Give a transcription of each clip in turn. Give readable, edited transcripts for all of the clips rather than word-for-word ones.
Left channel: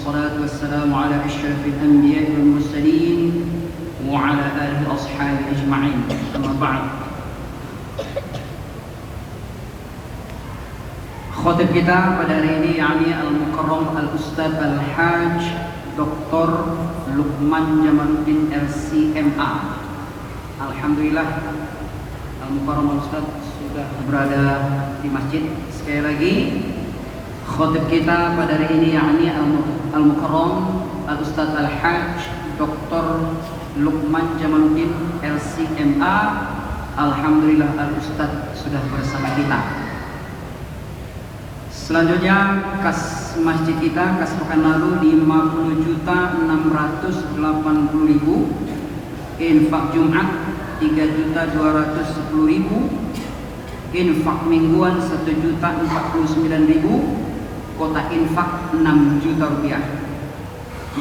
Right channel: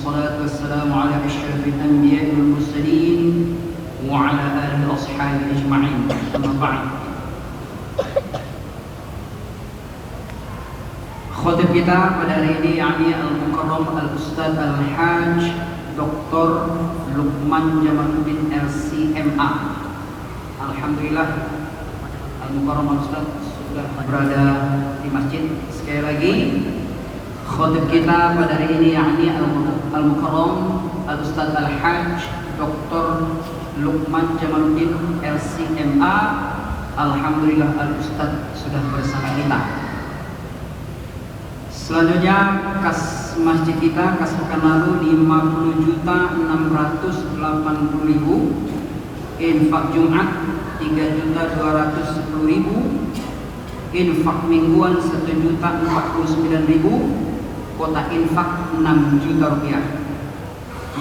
والصلاة والسلام على أشرف الأنبياء والمرسلين وعلى آله وأصحابه أجمعين. أما بعد. Khotib kita pada hari ini yakni Al-Mukarram Al-Ustadz Al-Hajj Dr. Luqman Jamaluddin LCMA. Alhamdulillah Al-Mukarram Al-Ustadz sudah berada di masjid. Sekali lagi khotib kita pada hari ini yakni Al-Mukarram Al-Ustadz Al-Hajj Dr. Luqman Jamaluddin LCMA. Alhamdulillah Al-Ustadz sudah bersama kita. Selanjutnya kas masjid kita kas pekan lalu 50.680.000, infak Jumat 3.210.000, infak mingguan 1.049.000, kota infak 6 juta rupiah.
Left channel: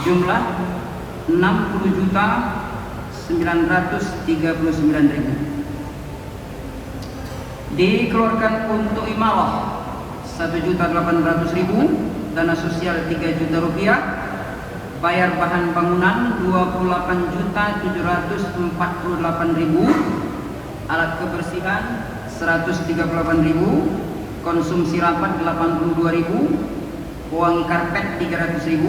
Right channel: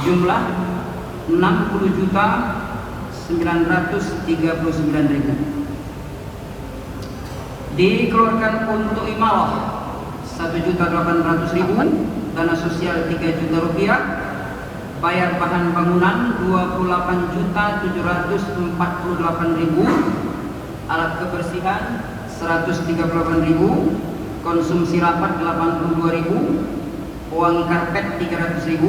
Jumlah 60.939.000. Dikeluarkan untuk imalah 1.800.000, dana sosial 3 juta rupiah, bayar bahan bangunan 28.748.000, alat kebersihan 138.000, konsumsi rapat 82.000, wangi karpet 300.000,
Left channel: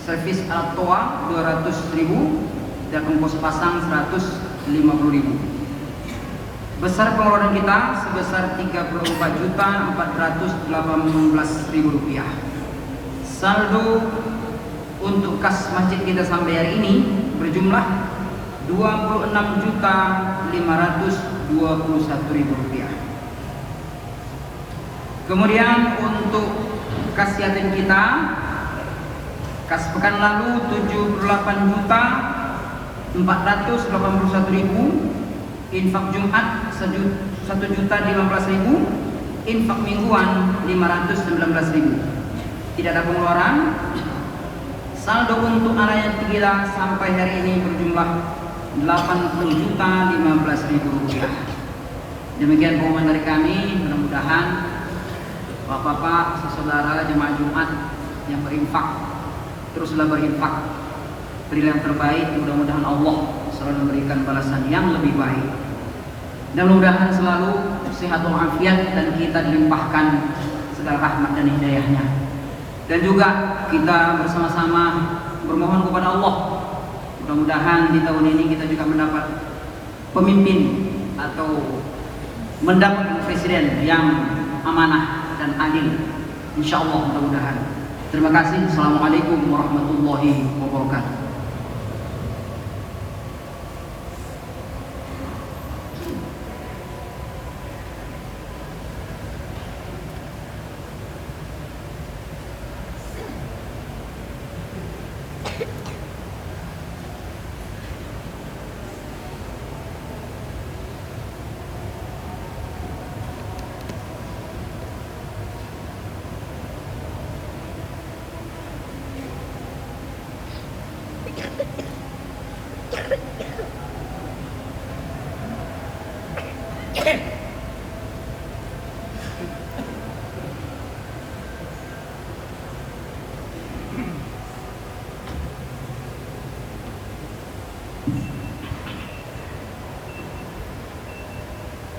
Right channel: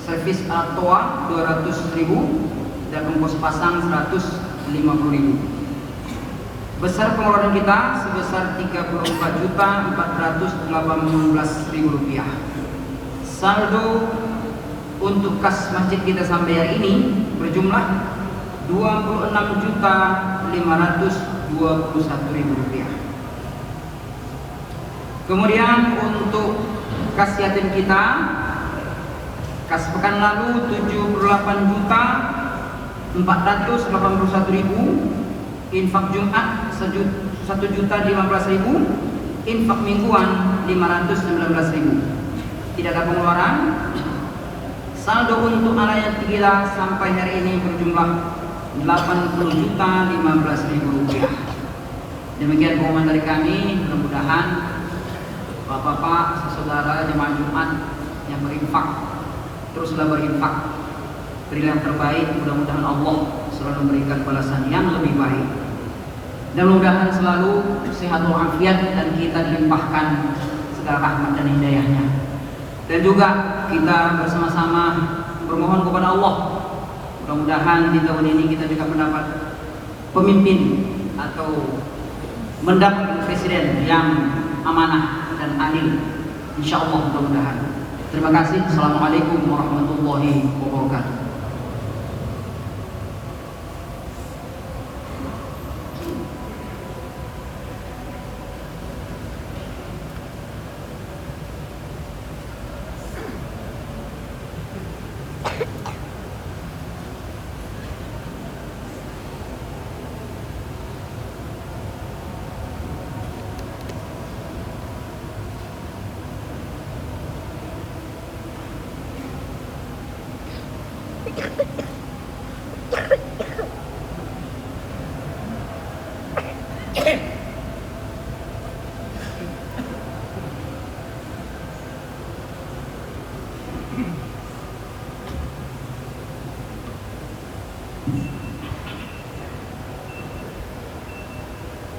servis alat toa 200.000, dan kompos pasang 150.000. Besar pengeluaran kita sebesar 34.418.000 rupiah. Saldo untuk kas masjid kita sampai hari ini berjumlah 26.521.000 rupiah. Kemudian untuk kas yatim kita, kas pekan lalu 78.481.000, infak Jumat 1.015.000, infak mingguan 519.000. Tidak ada pengeluaran. Saldo untuk anak yatim kita sampai hari ini berjumlah 80.015.000 rupiah. Demikian pengumuman dari kami. Mudah-mudahan bapak-bapak, saudara jemaah Jumat yang berinfak teruslah berinfak, berilah yang terbaik. Mudah-mudahan Allah selalu memberikan balasan yang lebih baik, dan mudah-mudahan selalu sehat walafiat dan kita dilimpahkan segala rahmat dan hidayahnya. Dan juga kita bersama-sama bermohon kepada Allah, mudah-mudahan di tahun ini kita juga mendapat pemimpin atau mendapat presiden yang amanah dan adil, insyaallah mudah-mudahan. Terima kasih. Assalamualaikum warahmatullahi wabarakatuh.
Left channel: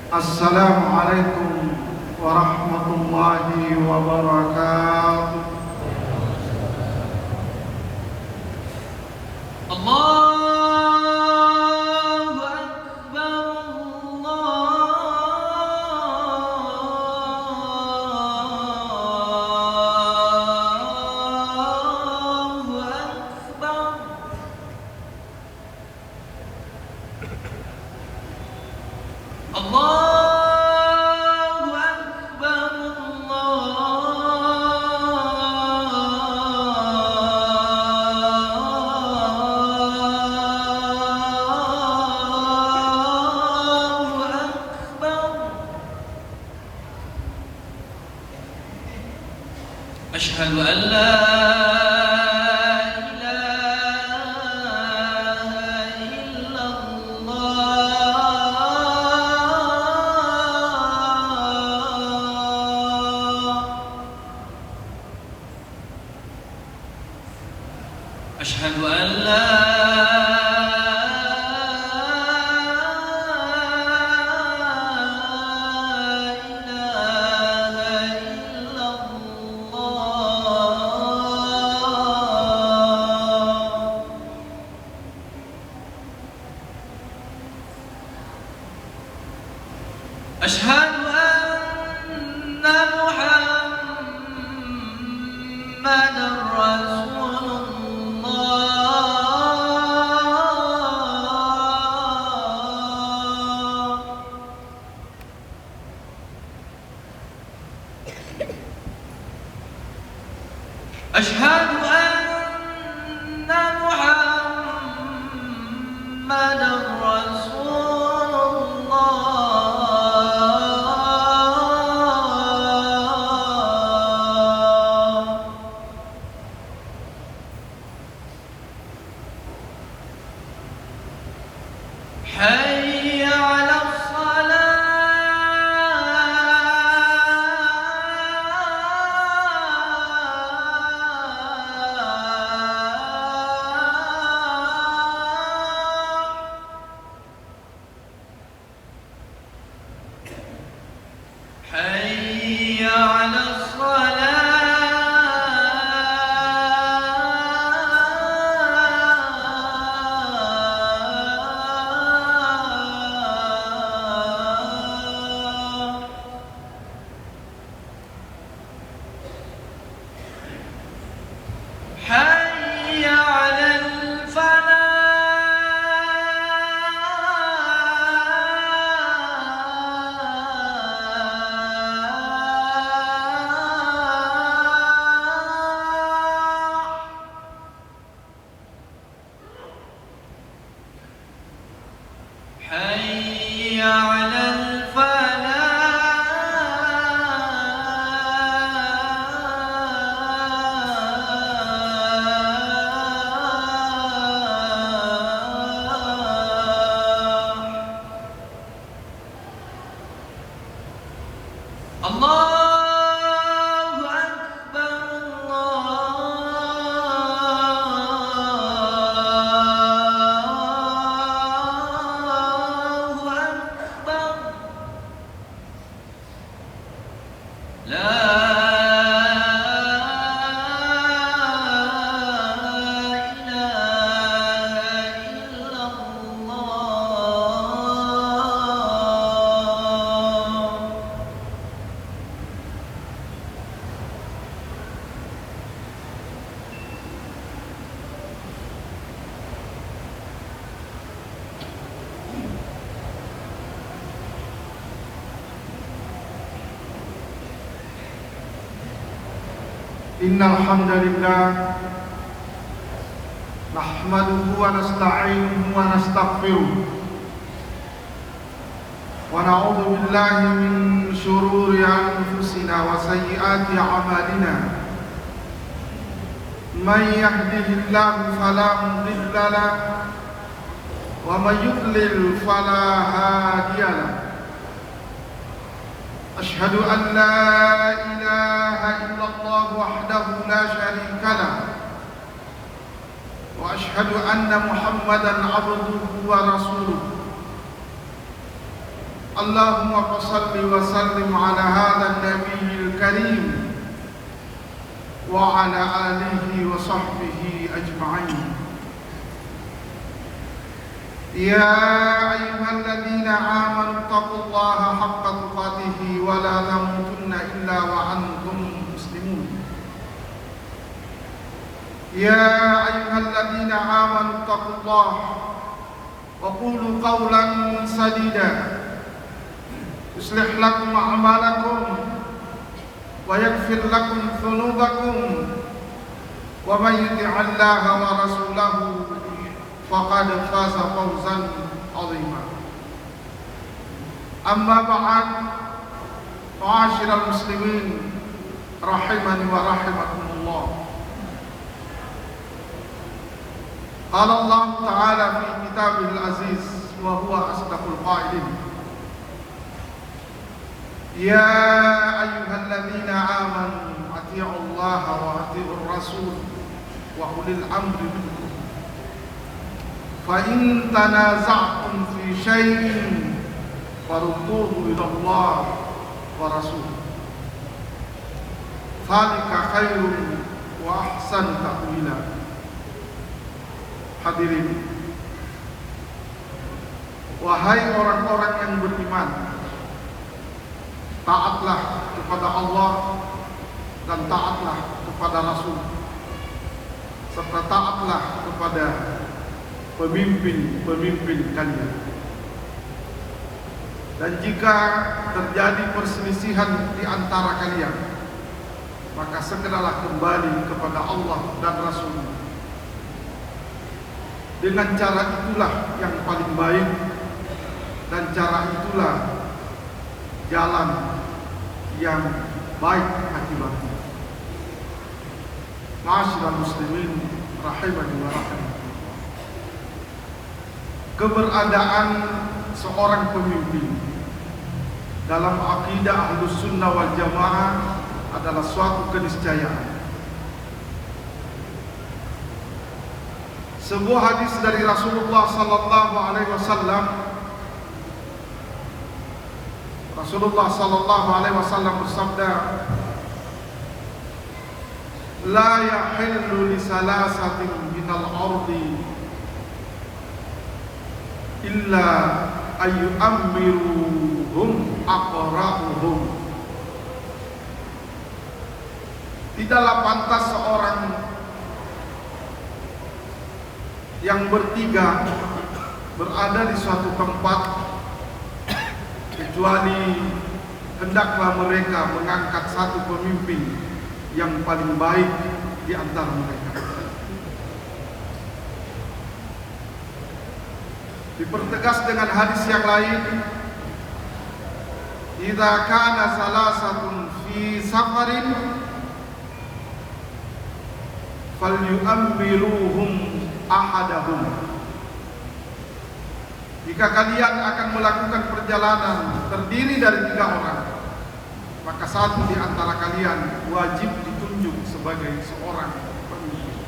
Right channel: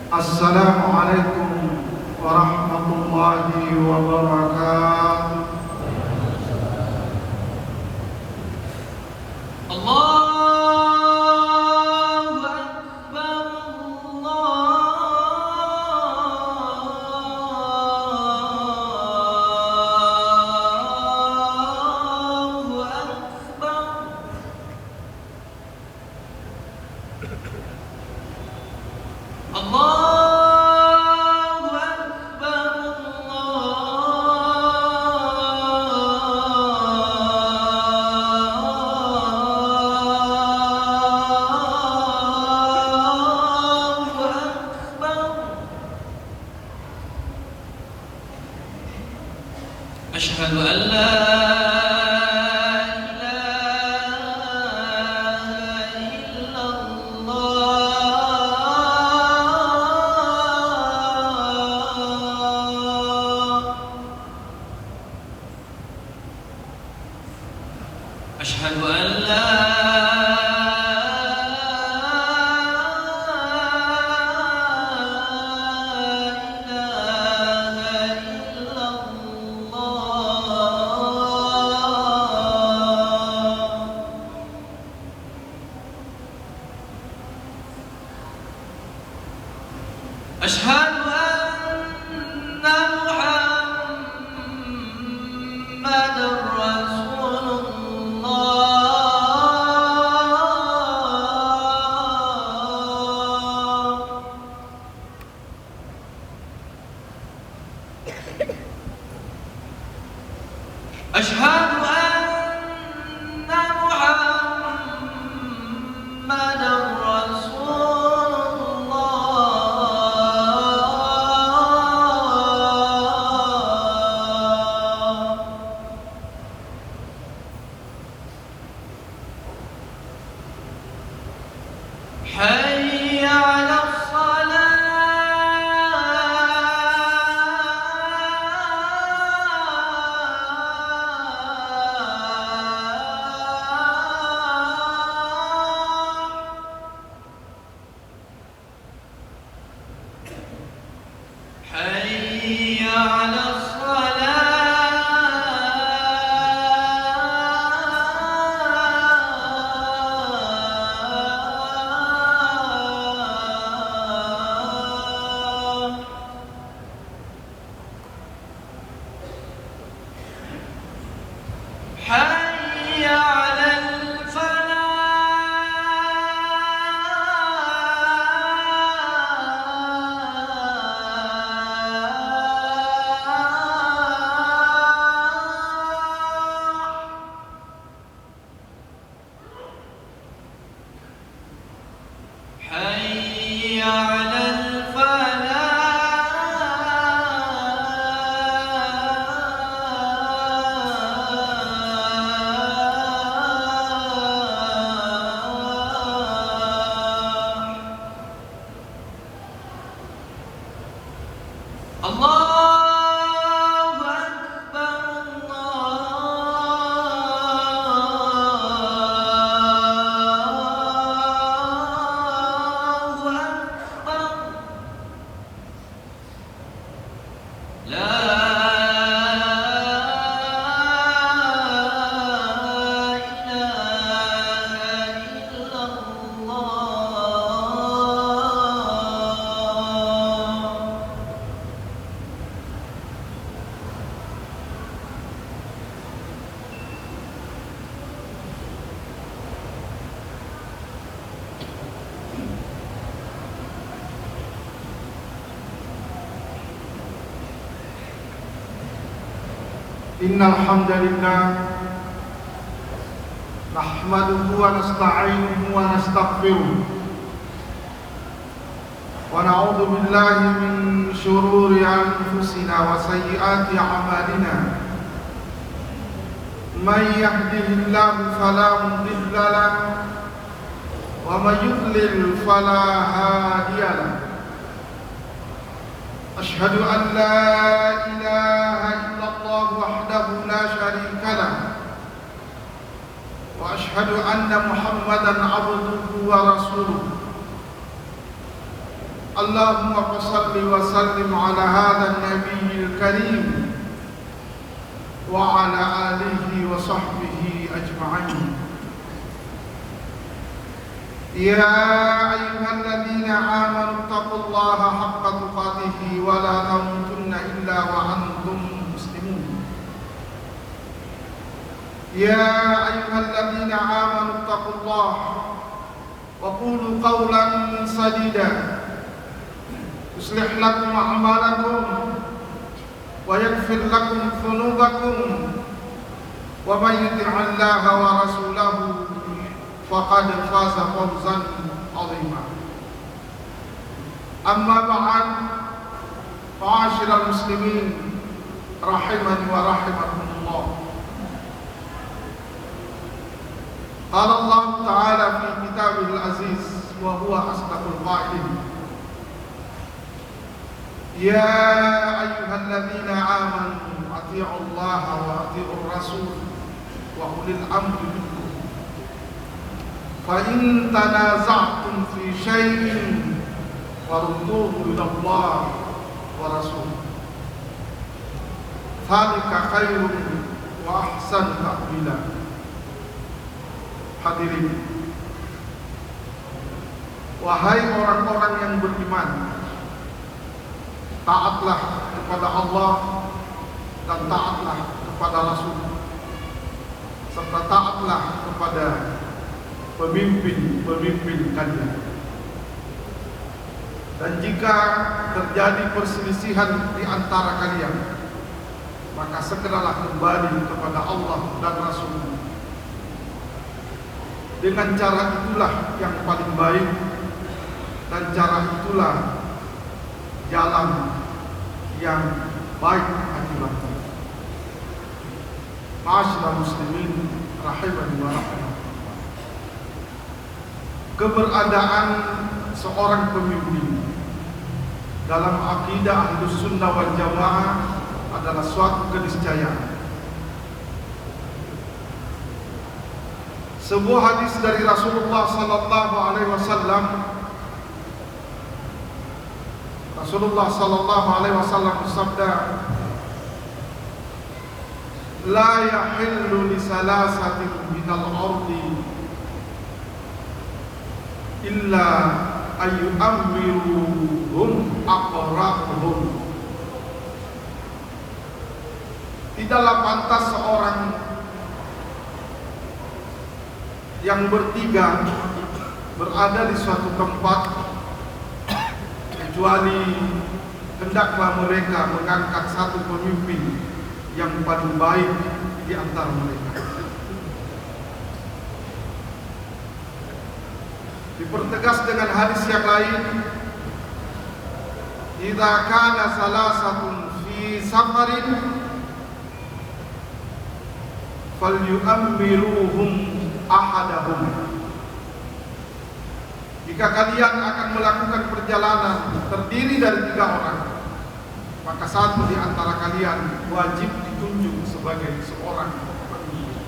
Assalamualaikum warahmatullahi wabarakatuh. Allahu Akbar, Allahu Akbar. Allah أشهد أن لا إله إلا الله أشهد أن لا أشهد أن محمد رسول الله أشهد أن محمد رسول الله حي على حي على الصلاة حي على الفلاح حي على الفلاح الله أكبر الله أكبر لا إله إلا الله إن الحمد لله نحمده ونستعينه ونستغفره ونعوذ بالله من شرور أنفسنا وسيئات أعمالنا من يهده الله فلا مضل له ومن يضلل فلا هادي له أشهد أن لا إله إلا الله وحده لا شريك له وأشهد أن محمدا عبده ورسوله اللهم صل وسلم على هذا النبي الكريم وعلى آله وصحبه أجمعين يا أيها الذين آمنوا اتقوا الله حق تقاته ولا تموتن إلا وأنتم مسلمون يا أيها الذين آمنوا اتقوا الله وقولوا قولا سديدا يصلح لكم أعمالكم ويغفر لكم ذنوبكم ومن يطع الله ورسوله فقد فاز فوزا عظيما أما بعد معاشر المسلمين رحمني ورحمكم الله قال الله تعالى في كتابه العزيز وهو أصدق القائلين يا أيها الذين آمنوا أطيعوا الله وأطيعوا الرسول wa ulil amri minkum. Fa in tanaza'tum fi syai'in farudduhu ila Allah wa rasul. Dzalika khairun wa ahsan ta'wila. Hadirin, wahai orang-orang yang beriman, taatlah kepada Allah dan taatlah kepada Rasul, serta taatlah kepada pemimpin-pemimpin kalian. Dan jika terjadi perselisihan di antara kalian, maka segeralah kembali kepada Allah dan Rasul. Dengan cara itulah yang paling baik, dan cara itulah jalan yang baik akibatnya. Ma'asyiral muslimin rahimani wa rahimakumullah. Keberadaan seorang pemimpin dalam akidah Ahlus Sunnah wal Jamaah adalah suatu keniscayaan. Sebuah hadis dari Rasulullah sallallahu alaihi wasallam, Rasulullah sallallahu alaihi wasallam bersabda, "La yahillu li salasatin minal ardi illa ayyu'ammiruhum aqra'uhum." Tidaklah pantas seorang yang bertiga berada di suatu tempat kecuali hendaklah mereka mengangkat satu pemimpin yang paling baik di antara mereka. Dipertegas dengan hadis yang lain, "Idza kana salasatun fi safarin falyu'ammiruhum ahadahum." Jika kalian akan melakukan perjalanan terdiri dari 3 orang, maka satu di antara kalian wajib ditunjuk sebagai seorang pemimpin.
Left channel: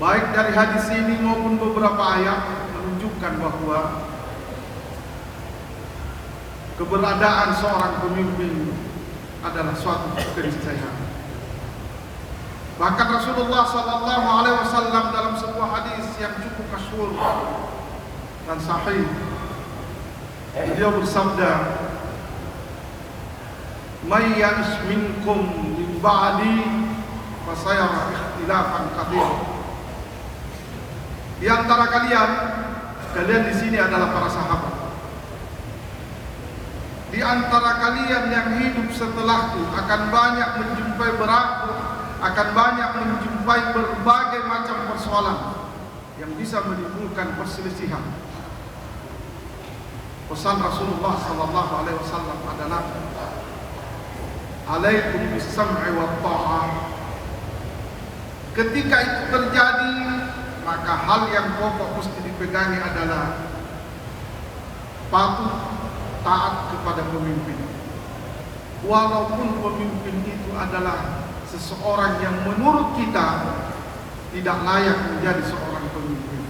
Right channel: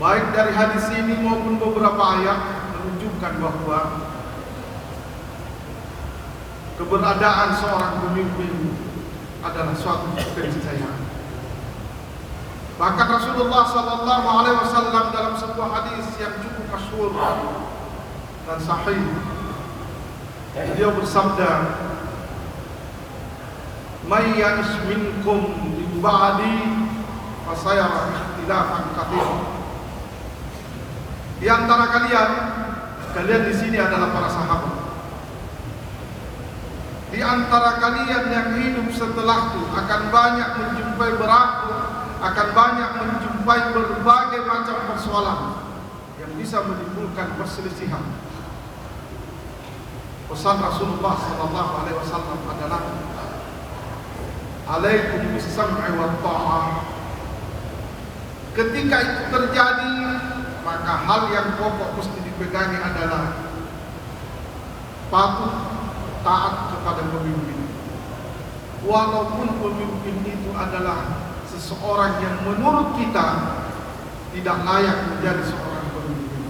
Baik dari hadis ini maupun beberapa ayat menunjukkan bahwa keberadaan seorang pemimpin adalah suatu keniscayaan. Bahkan Rasulullah sallallahu alaihi wasallam dalam sebuah hadis yang cukup masyhur dan sahih, beliau bersabda, "May ya'ish minkum min ba'di fasayara ikhtilafan katsira." Di antara kalian di sini adalah para sahabat. Di antara kalian yang hidup setelahku akan banyak menjumpai akan banyak menjumpai berbagai macam persoalan yang bisa menimbulkan perselisihan. Pesan Rasulullah sallallahu alaihi wasallam adalah, "Alaikum bis-sam'i wat tha'ah." Ketika itu terjadi, maka hal yang pokok mesti dipegangi adalah patuh taat kepada pemimpin. Walaupun pemimpin itu adalah seseorang yang menurut kita tidak layak menjadi seorang pemimpin.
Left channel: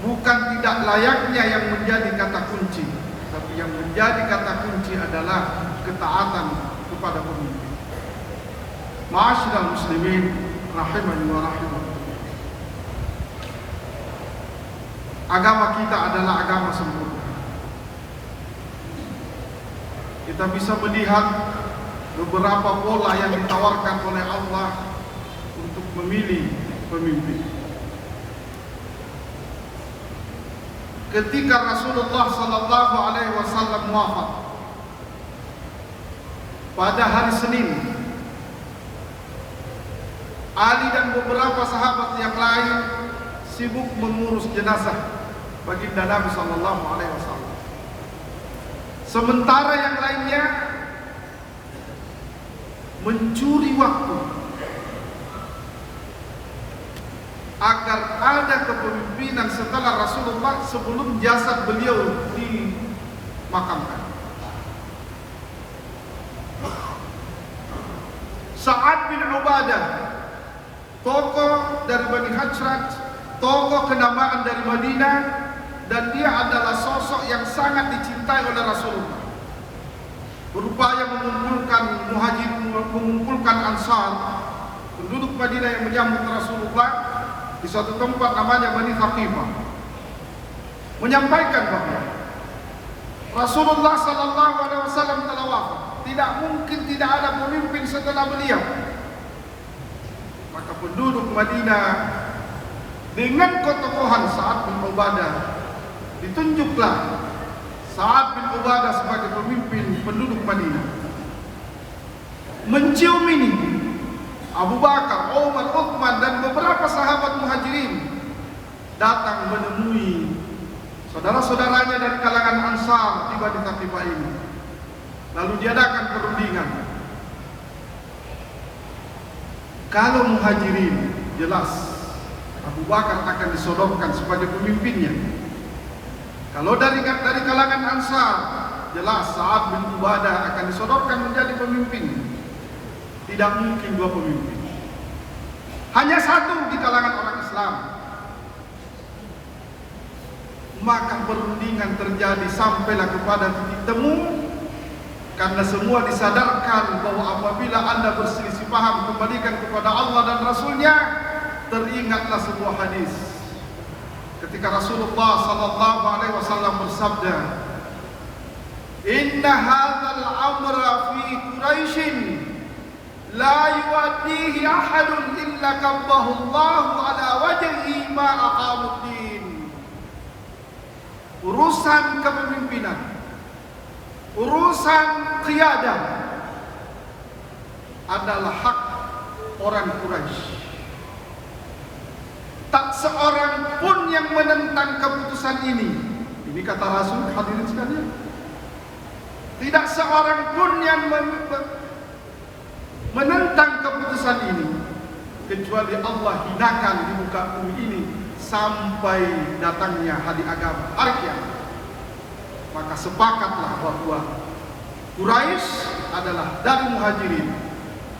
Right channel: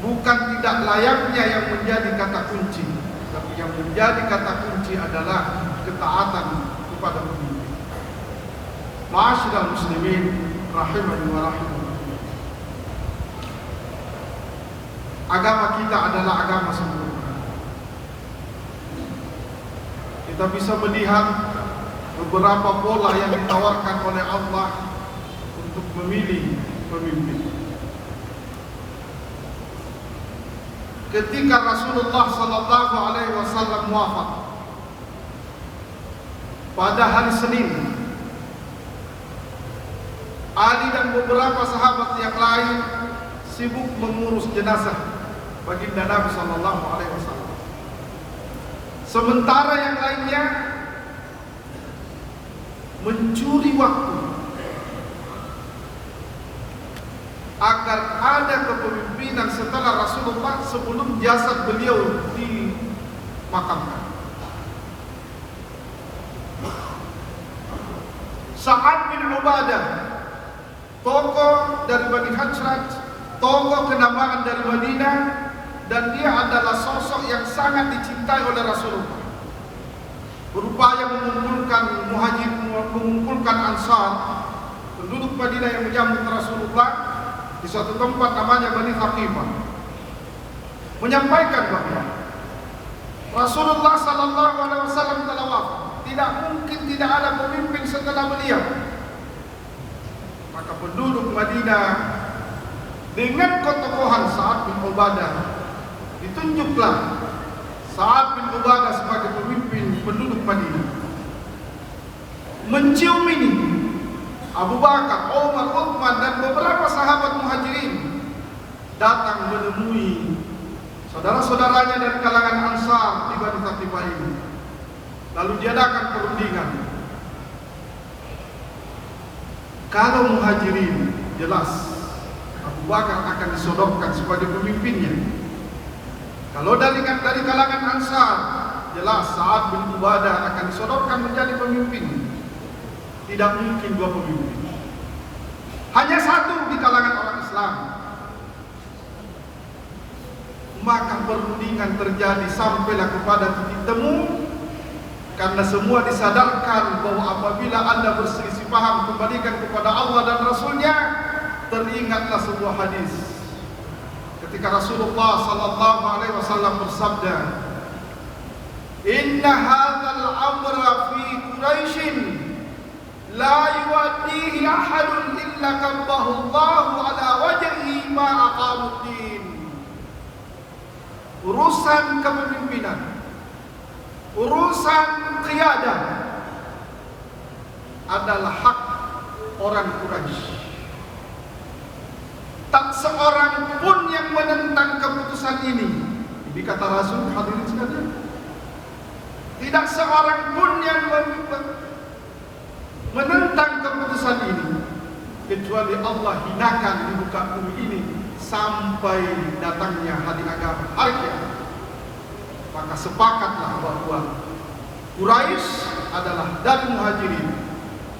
Bukan tidak layaknya yang menjadi kata kunci, tapi yang menjadi kata kunci adalah ketaatan kepada pemimpin. Ma'asyiral muslimin rahimani wa rahimakumullah. Agama kita adalah agama sempurna. Kita bisa melihat beberapa pola yang ditawarkan oleh Allah untuk memilih pemimpin. Ketika Rasulullah sallallahu alaihi wasallam wafat pada hari Senin, Ali dan beberapa sahabat yang lain sibuk mengurus jenazah baginda Nabi sallallahu alaihi wasallam. Sementara yang lainnya mencuri waktu agar ada kepemimpinan setelah Rasulullah sebelum jasad beliau dimakamkan. bin Ubadah, tokoh dari Bani Hajraj, tokoh kenamaan dari Madinah, dan dia adalah sosok yang sangat dicintai oleh Rasulullah. Berupaya mengumpulkan muhajirin, mengumpulkan ansar, penduduk Madinah yang menyambut Rasulullah di suatu tempat namanya Bani Thaqifah, menyampaikan bahwa Rasulullah sallallahu alaihi wasallam telah wafat. Tidak mungkin tidak ada pemimpin setelah beliau. Maka penduduk Madinah dengan ketokohan Sa'ad bin Ubadah, ditunjuklah Sa'ad bin Ubadah sebagai pemimpin penduduk Madinah. Mencium ini, Abu Bakar, Umar, Uthman dan beberapa sahabat muhajirin datang menemui saudara-saudaranya dari kalangan Ansar di Bani Thaqifah ini. Lalu diadakan perundingan. Kalau muhajirin, jelas Abu Bakar akan disodorkan sebagai pemimpinnya. Kalau dari kalangan Ansar, jelas Sa'ad bin Ubadah akan disodorkan menjadi pemimpin. Tidak mungkin dua pemimpin. Hanya satu di kalangan orang Islam. Maka perundingan terjadi sampailah kepada titik temu. Karena semua disadarkan bahwa apabila Anda berselisih paham, kembalikan kepada Allah dan Rasulnya. Teringatlah sebuah hadis ketika Rasulullah sallallahu alaihi wasallam bersabda, "Inna hadzal amra fi Quraisyin la yuwaddihi ahadun illa kabbahu Allahu ala wajhihi ma aqamuddin." Urusan kepemimpinan, urusan qiyadah adalah hak orang Quraisy. Tak seorang pun yang menentang keputusan ini. Ini kata Rasul, hadirin sekalian. Tidak seorang pun yang menentang keputusan ini, kecuali Allah hinakan di muka bumi ini sampai datangnya hari agama, hari kiamat. Maka sepakatlah bahwa Quraisy adalah dari muhajirin.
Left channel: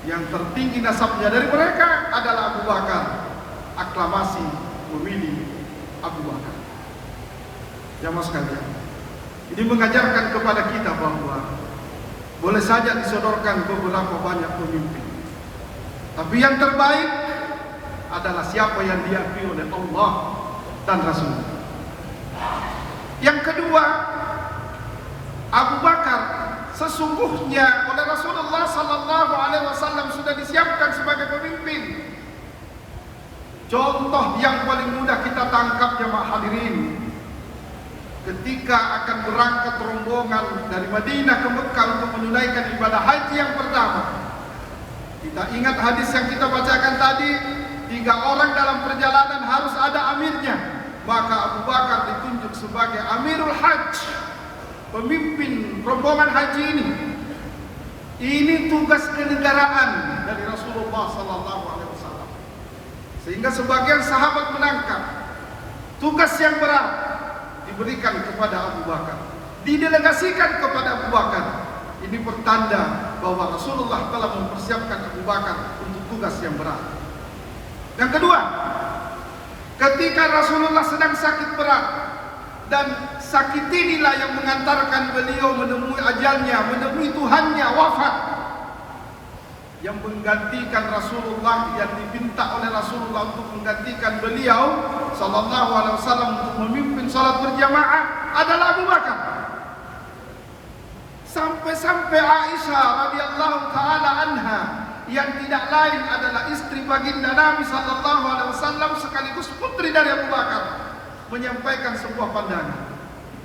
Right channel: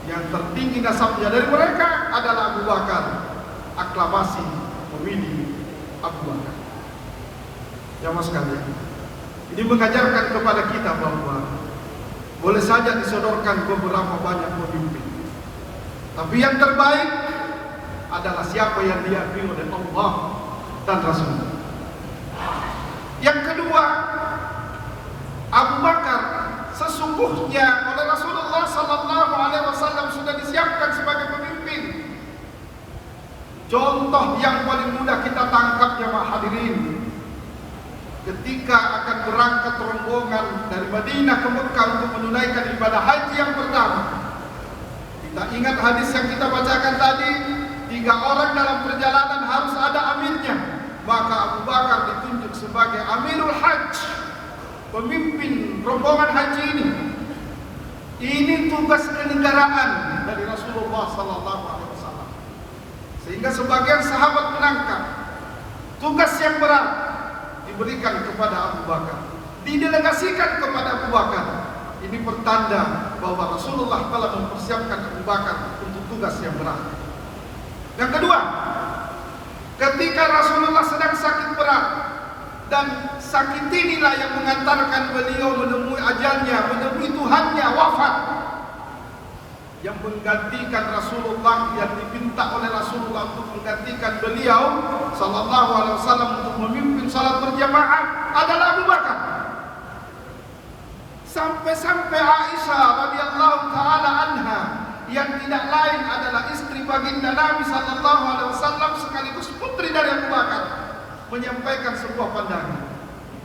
Yang tertinggi nasabnya dari mereka adalah Abu Bakar. Aklamasi memilih Abu Bakar. Jamaah sekalian, ini mengajarkan kepada kita bahwa boleh saja disodorkan beberapa banyak pemimpin, tapi yang terbaik adalah siapa yang diakui oleh Allah dan Rasul. Yang kedua, Abu Bakar sesungguhnya oleh Rasulullah sallallahu alaihi wasallam sudah disiapkan sebagai pemimpin. Contoh yang paling mudah kita tangkap, jemaah hadirin, ketika akan berangkat rombongan dari Madinah ke Mekah untuk menunaikan ibadah haji yang pertama. Kita ingat hadis yang kita bacakan tadi, 3 orang dalam perjalanan harus ada amirnya. Maka Abu Bakar ditunjuk sebagai Amirul Hajj, pemimpin rombongan haji ini. Ini tugas kenegaraan dari Rasulullah sallallahu alaihi wasallam. Sehingga sebagian sahabat menangkap tugas yang berat diberikan kepada Abu Bakar, didelegasikan kepada Abu Bakar. Ini pertanda bahwa Rasulullah telah mempersiapkan Abu Bakar untuk tugas yang berat. Yang kedua, ketika Rasulullah sedang sakit berat, dan sakit inilah yang mengantarkan beliau menemui ajalnya, menemui Tuhannya, wafat. Yang menggantikan Rasulullah, yang diminta oleh Rasulullah untuk menggantikan beliau sallallahu alaihi wasallam untuk memimpin salat berjamaah adalah Abu Bakar. Sampai-sampai Aisyah radhiyallahu taala anha, yang tidak lain adalah istri baginda Nabi sallallahu alaihi wasallam sekaligus putri dari Abu Bakar, menyampaikan sebuah pandangan.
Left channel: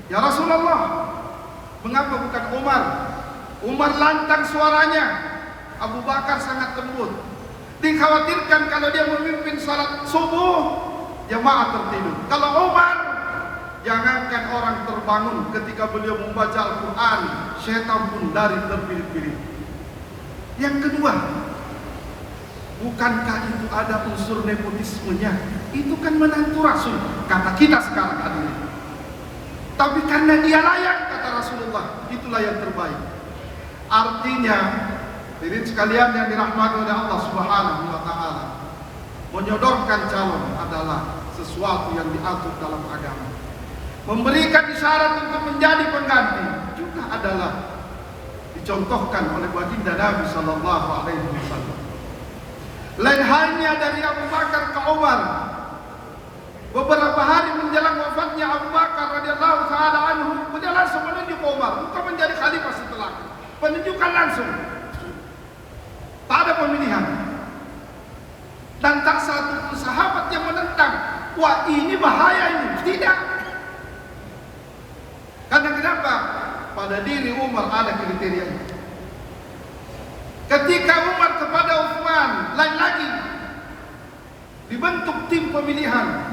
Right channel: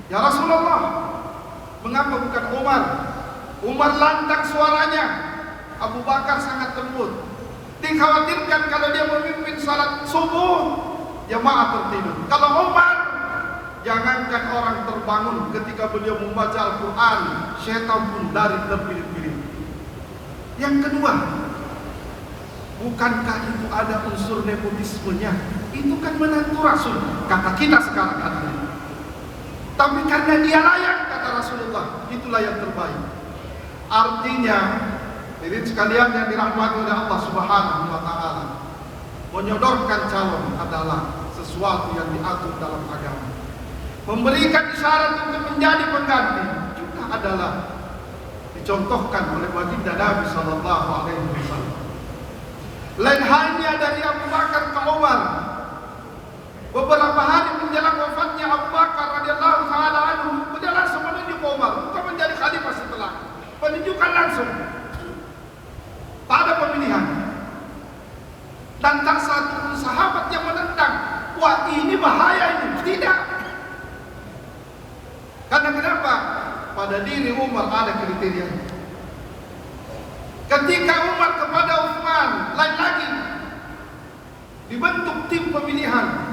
Ya Rasulullah, mengapa bukan Umar? Umar lantang suaranya, Abu Bakar sangat lembut. Dikhawatirkan kalau dia memimpin salat subuh, jamaah tertidur. Kalau Umar, jangankan orang terbangun ketika beliau membaca Al-Quran, syaitan pun lari terpirit-pirit. Yang kedua, bukankah itu ada unsur nepotismenya? Itu kan menantu Rasul, kata kita sekarang hadirin. Tapi karena dia layak, kata Rasulullah, itulah yang terbaik. Artinya Hadirin sekalian yang dirahmati oleh Allah Subhanahu wa taala, menyodorkan calon adalah sesuatu yang diatur dalam agama. Memberikan isyarat untuk menjadi pengganti juga adalah dicontohkan oleh baginda Nabi sallallahu alaihi wasallam. Lain halnya dari Abu Bakar ke Umar. Beberapa hari menjelang wafatnya Abu Bakar radhiyallahu taala anhu, beliau langsung menunjuk Umar untuk menjadi khalifah setelah. Penunjukan langsung. Tak ada pemilihan. Dan tak satu pun sahabat yang menentang, wah ini bahaya ini. Tidak. Karena kenapa? Pada diri Umar ada kriteria. Ketika Umar kepada Utsman, lain lagi dibentuk tim pemilihan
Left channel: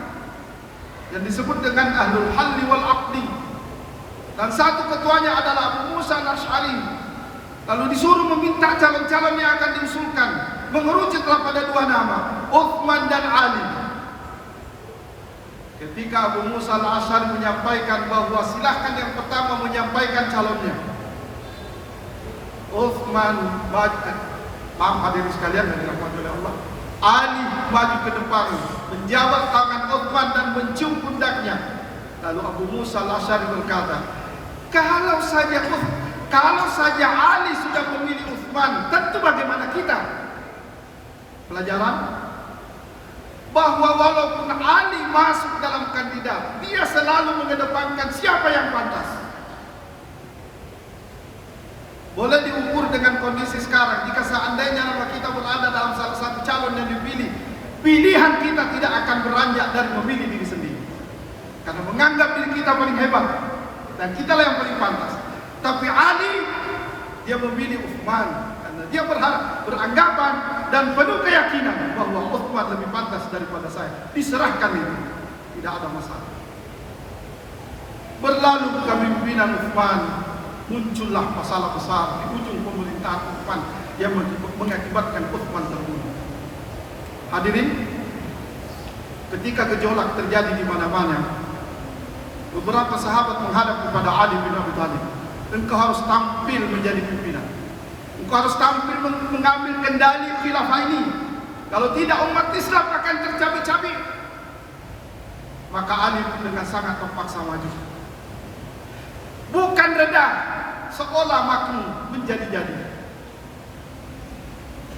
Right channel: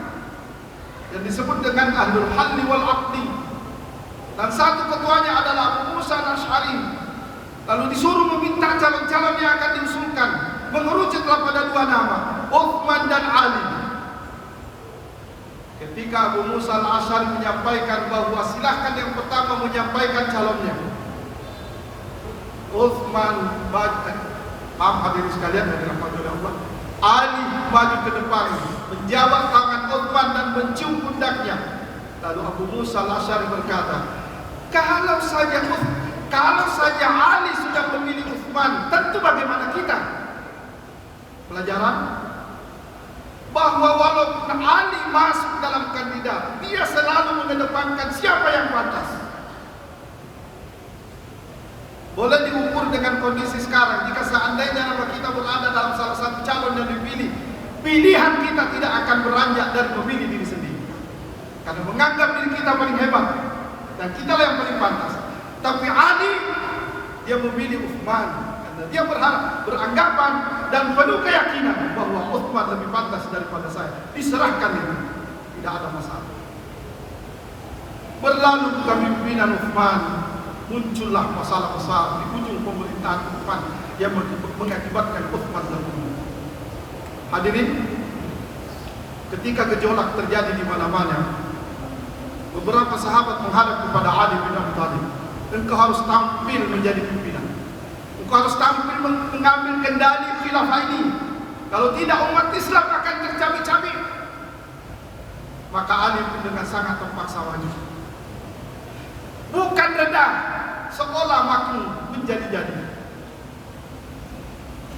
yang disebut dengan Ahlul Halli wal Aqdi. Dan satu ketuanya adalah Abu Musa al-Asy'ari. Lalu disuruh meminta calon-calon yang akan diusulkan. Mengerucutlah pada dua nama, Utsman dan Ali. Ketika Abu Musa al-Asy'ari menyampaikan bahwa silahkan yang pertama menyampaikan calonnya, Utsman maju, maaf hadirin sekalian yang dirahmati oleh Allah, Ali maju ke depan, menjawab tangan Utsman dan mencium pundaknya. Lalu Abu Musa al-Asy'ari berkata, kalau saja Ali sudah memilih Utsman, tentu bagaimana kita? Pelajaran bahwa walaupun Ali masuk dalam kandidat, dia selalu mengedepankan siapa yang pantas. Boleh diukur dengan kondisi sekarang. Jika seandainya nama kita berada dalam salah satu calon yang dipilih, pilihan kita tidak akan beranjak dari memilih diri sendiri, karena menganggap diri kita paling hebat dan kitalah yang paling pantas. Tapi Ali, dia memilih Utsman karena dia beranggapan dan penuh keyakinan bahwa Utsman lebih pantas daripada saya. Diserahkan itu, tidak ada masalah. Berlalu kepemimpinan Utsman, muncullah masalah besar di ujung pemerintahan Utsman yang mengakibatkan Utsman terbunuh. Hadirin, ketika gejolak terjadi di mana-mana, beberapa sahabat menghadap kepada Ali bin Abi Thalib. Engkau harus tampil menjadi pimpinan. Engkau harus tampil mengambil kendali khilafah ini. Kalau tidak, umat Islam akan tercabik-cabik. Maka Ali pun dengan sangat terpaksa maju. Bukan reda, seolah makmum menjadi-jadi.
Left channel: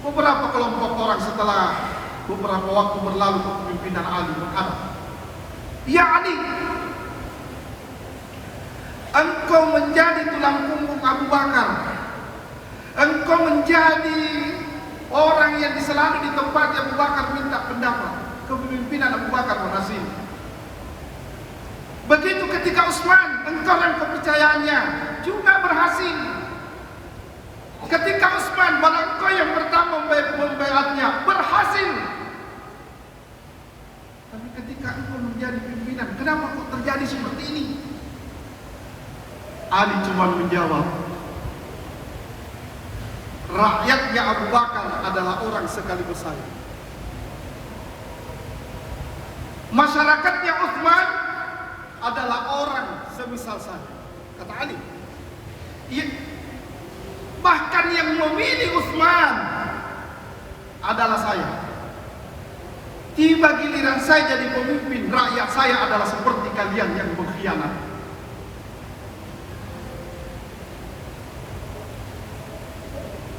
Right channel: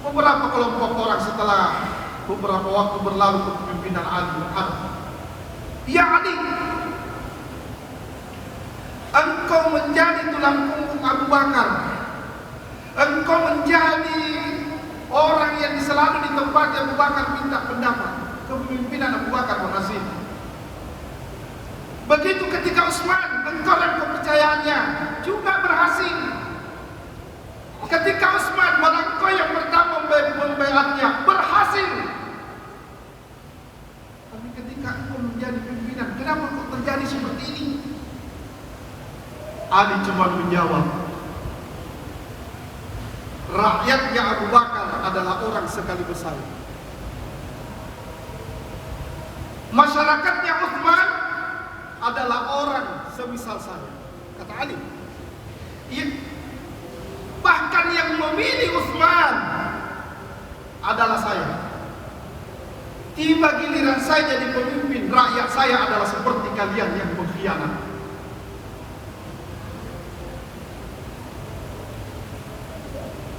Beberapa kelompok orang setelah beberapa waktu berlalu kepemimpinan Ali menghadap, ya Ali, engkau menjadi tulang punggung Abu Bakar. Engkau menjadi orang yang selalu di tempat Abu Bakar minta pendapat. Kepemimpinan Abu Bakar berhasil. Begitu ketika Utsman, engkau yang kepercayaannya juga berhasil. Ketika Utsman, engkau yang pertama membaiatnya, berhasil. Tapi ketika engkau menjadi pimpinan, kenapa kok terjadi seperti ini? Ali cuma menjawab, rakyatnya Abu Bakar adalah orang sekaligus saya. Masyarakatnya Utsman adalah orang semisal saya, kata Ali. Bahkan yang memilih Utsman adalah saya. Tiba giliran saya jadi pemimpin, rakyat saya adalah seperti kalian yang mengkhianat.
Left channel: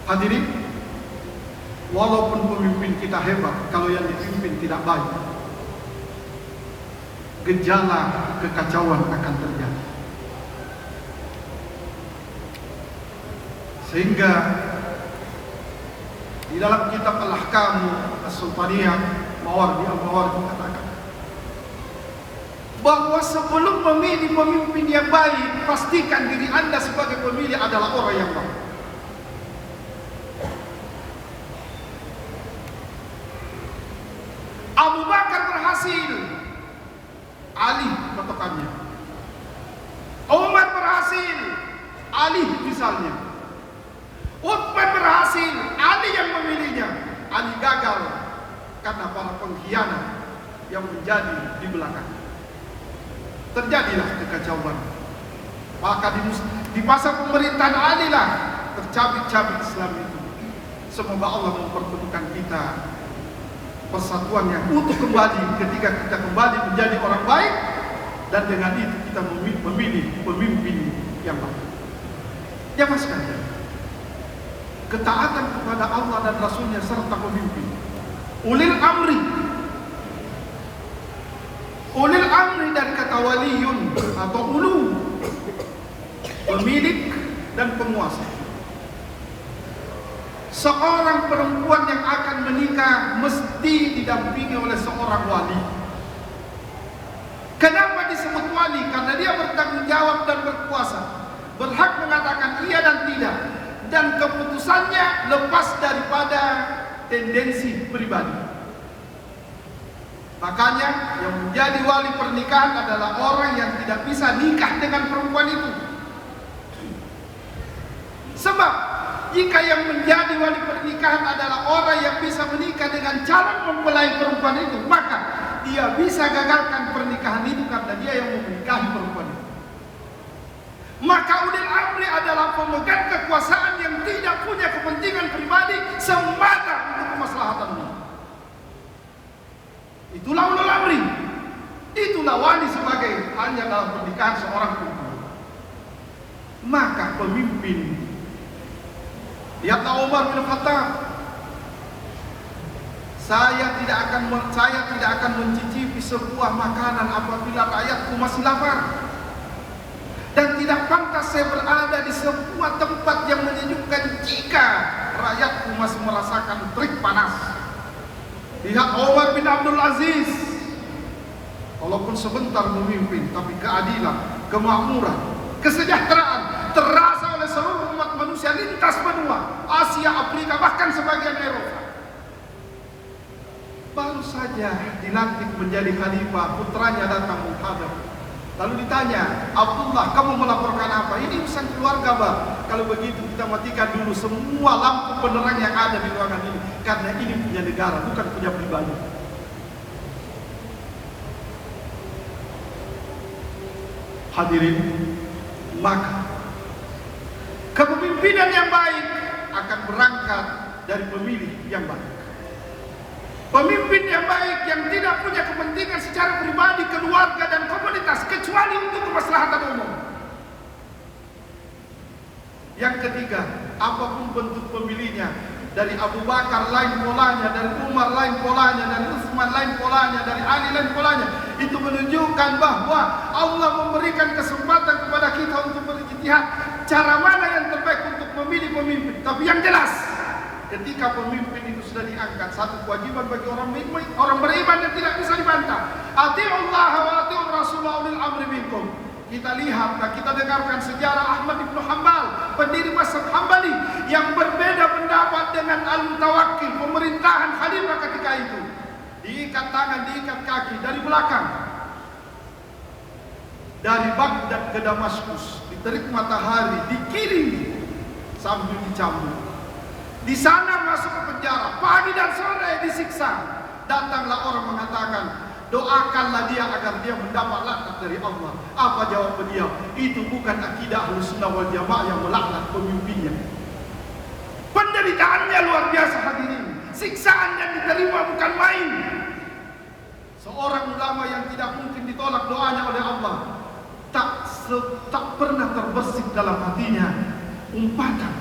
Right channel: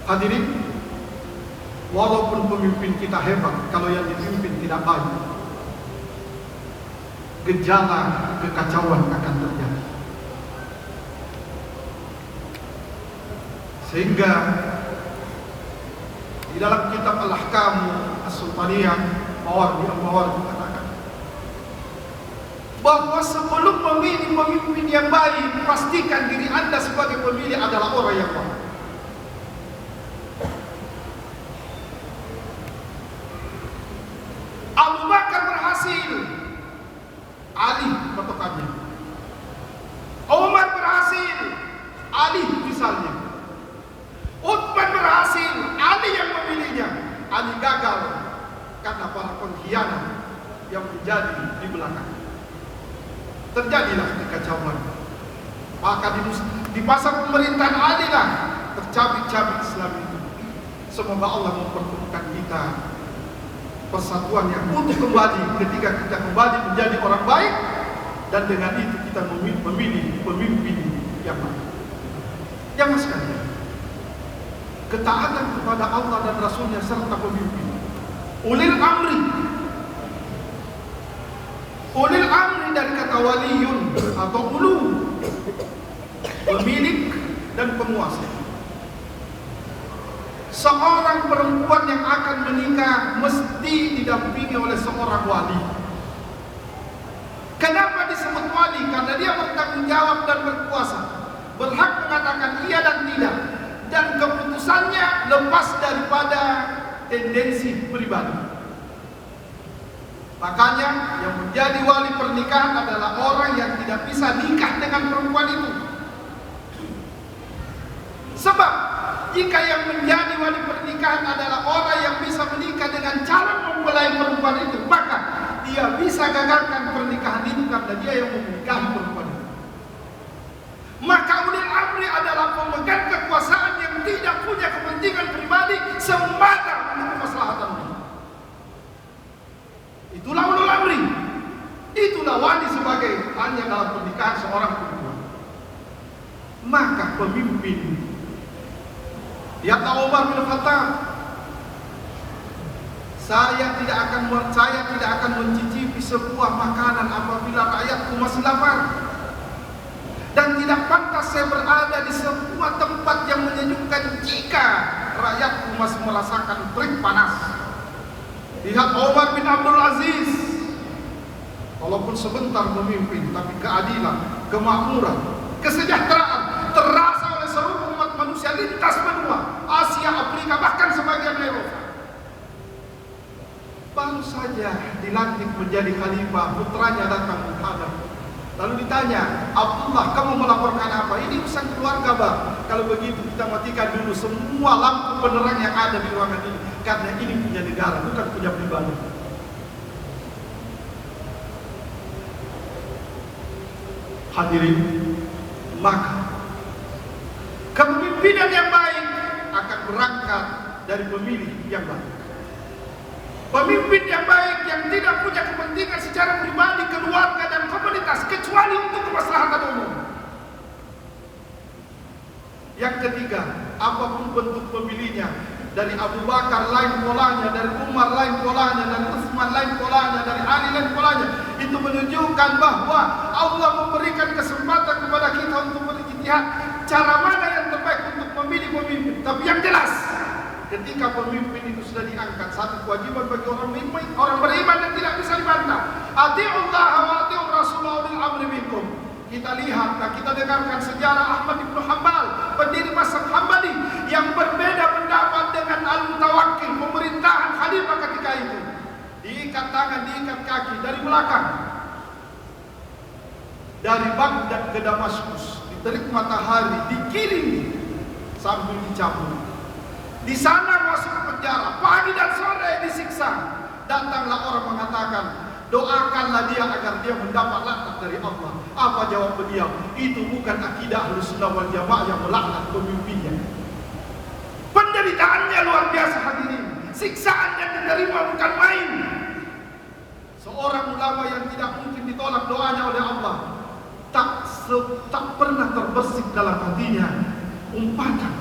Hadirin, walaupun pemimpin kita hebat, kalau yang dipimpin tidak baik, gejala kekacauan akan terjadi. Sehingga di dalam kitab Al-Ahkam As-Sultaniyah Mawardi katakan bahwa sebelum memilih pemimpin yang baik, pastikan diri Anda sebagai pemilih adalah orang yang baik. Abu Bakar berhasil, Ali patokannya. Umar berhasil, Ali misalnya. Utsman berhasil, Ali yang memilihnya. Ali gagal karena para pengkhianat yang menjadi di belakang. Terjadilah kekacauan. Maka di masa pemerintahan Ali lah tercabik-cabik Islam itu. Semoga Allah mempertemukan kita persatuan yang utuh kembali ketika kita kembali menjadi orang baik, dan dengan itu kita memilih pemimpin yang baik. Jangan sekalian, ketaatan kepada Allah dan Rasulnya serta pemimpin ulil amri dari kata waliyun atau ulu, pemilik dan penguasa. Seorang perempuan yang akan menikah mesti didampingi oleh seorang wali. Kenapa disebut wali? Karena dia bertanggung jawab dan berkuasa, berhak mengatakan iya dan tidak, dan keputusannya lepas daripada tendensi pribadi. Makanya yang menjadi wali pernikahan adalah orang yang tidak bisa nikah dengan perempuan itu. Sebab jika yang menjadi wali pernikahan adalah orang yang bisa menikah dengan calon mempelai perempuan itu, maka dia bisa gagalkan pernikahan itu karena dia yang menikahi perempuan itu. Maka ulil amri adalah pemegang kekuasaan yang tidak punya kepentingan pribadi semata untuk kemaslahatan umum. Itulah ulil amri. Itulah wali sebagai hanya dalam pernikahan seorang perempuan. Maka pemimpin, lihatlah Umar bin Khattab, saya tidak akan mencicipi sebuah makanan apabila rakyatku masih lapar. Dan tidak pantas saya berada di sebuah tempat yang menyejukkan jika rakyatku masih merasakan terik panas. Lihat Umar bin Abdul Aziz, walaupun sebentar memimpin, tapi keadilan, kemakmuran, kesejahteraan terasa oleh seluruh umat manusia lintas benua, Asia, Afrika, bahkan sebagian Eropa. Baru saja dilantik menjadi khalifah, putranya datang menghadap. Lalu ditanya, Abdullah, kamu melaporkan apa? Ini urusan keluarga, Bang. Kalau begitu kita matikan dulu semua lampu penerang yang ada di ruangan ini, karena ini punya negara, bukan punya pribadi. Hadirin, maka kepemimpinan yang baik akan berangkat dari pemilih yang baik. Pemimpin yang baik yang tidak punya kepentingan secara pribadi, keluarga dan komunitas kecuali untuk kemaslahatan umum. Yang ketiga, apapun bentuk pemilihnya, dari Abu Bakar lain polanya, dari Umar lain polanya, dari Utsman lain polanya, dari Ali lain polanya, itu menunjukkan bahwa Allah memberikan kesempatan kepada kita untuk berijtihad cara mana yang terbaik untuk memilih pemimpin. Tapi yang jelas, ketika pemimpin itu sudah diangkat, satu kewajiban bagi orang beriman yang tidak bisa dibantah. Ati'ullah wa ati'ur Rasulullah ulil amri minkum. Kita lihat dan kita dengarkan sejarah Ahmad bin Hanbal, pendiri mazhab Hambali, yang berbeda pendapat dengan Al-Mutawakkil, pemerintahan khalifah ketika itu. Diikat tangan, diikat kaki dari belakang, dari Baghdad ke Damaskus, diterik matahari, dikirim sambil dicambuk. Di sana masuk ke penjara, pagi dan sore disiksa. Datanglah orang mengatakan, doakanlah dia agar dia mendapat laknat dari Allah. Apa jawab beliau? Itu bukan akidah Ahlussunnah wal Jamaah yang melaknat pemimpinnya. Penderitaannya luar biasa hadirin. Siksaan yang diterima bukan main. Seorang ulama yang tidak mungkin ditolak doanya oleh Allah, tak pernah terbersit dalam hatinya umpatan,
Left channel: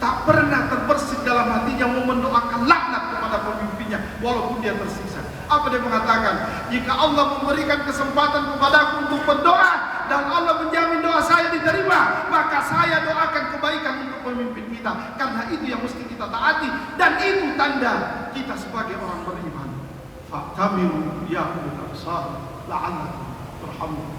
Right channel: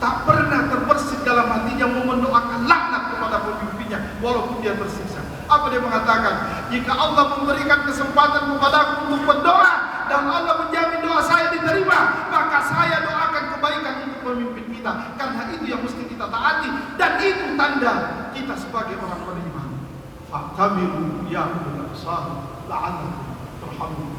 tak pernah terbersit dalam hatinya mau mendoakan laknat kepada pemimpinnya walaupun dia tersiksa. Apa dia mengatakan? Jika Allah memberikan kesempatan kepadaku untuk berdoa dan Allah menjamin doa saya diterima, maka saya doakan kebaikan untuk pemimpin kita, karena itu yang mesti kita taati dan itu tanda kita sebagai orang beriman. Fa'tabiru ya ulul absar la'allakum turhamun.